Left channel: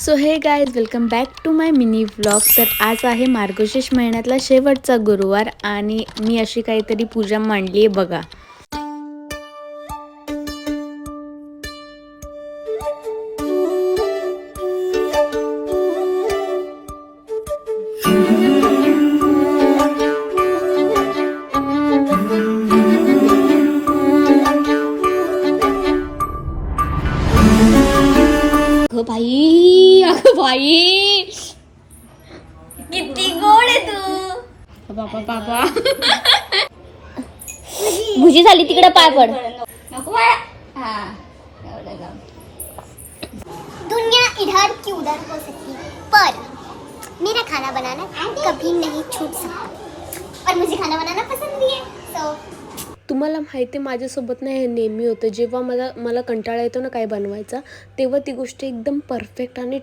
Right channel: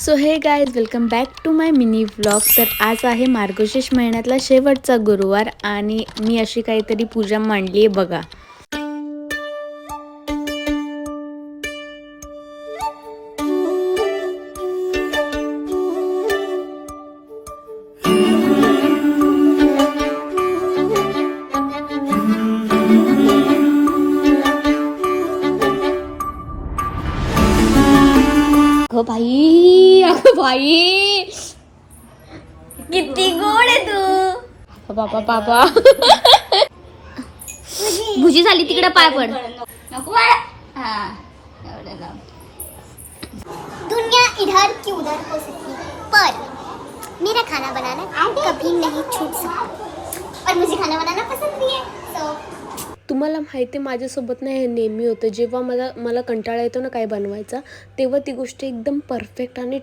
So hey guys welcome back to my mini vlog. तर आज आहे मार्गशीर्ष महिन्यातला शेवटचा गुरुवार आणि मी अशी काहीतरी पूजा मांडली आहे बघा. अगं बाई किती गोड आहे तू. बाबा बाबा भुजी झाली तिकडे पाय पड. नको बाळा. हा एवढं लाव. दुनिया इधर की उधर हो सकती है पर मेरा खाना बनाना कभी नहीं छूट सकता और मुझे खाना बनाना पसंद भी है. सो तुम्हाला माहिती आहे माझ्यासोबत ना हे नेहमी होतं. जेव्हा मला कंटाळा येतो ना काय बनवायचा, तेव्हा ती गोष्ट एकदम परफेक्ट आणि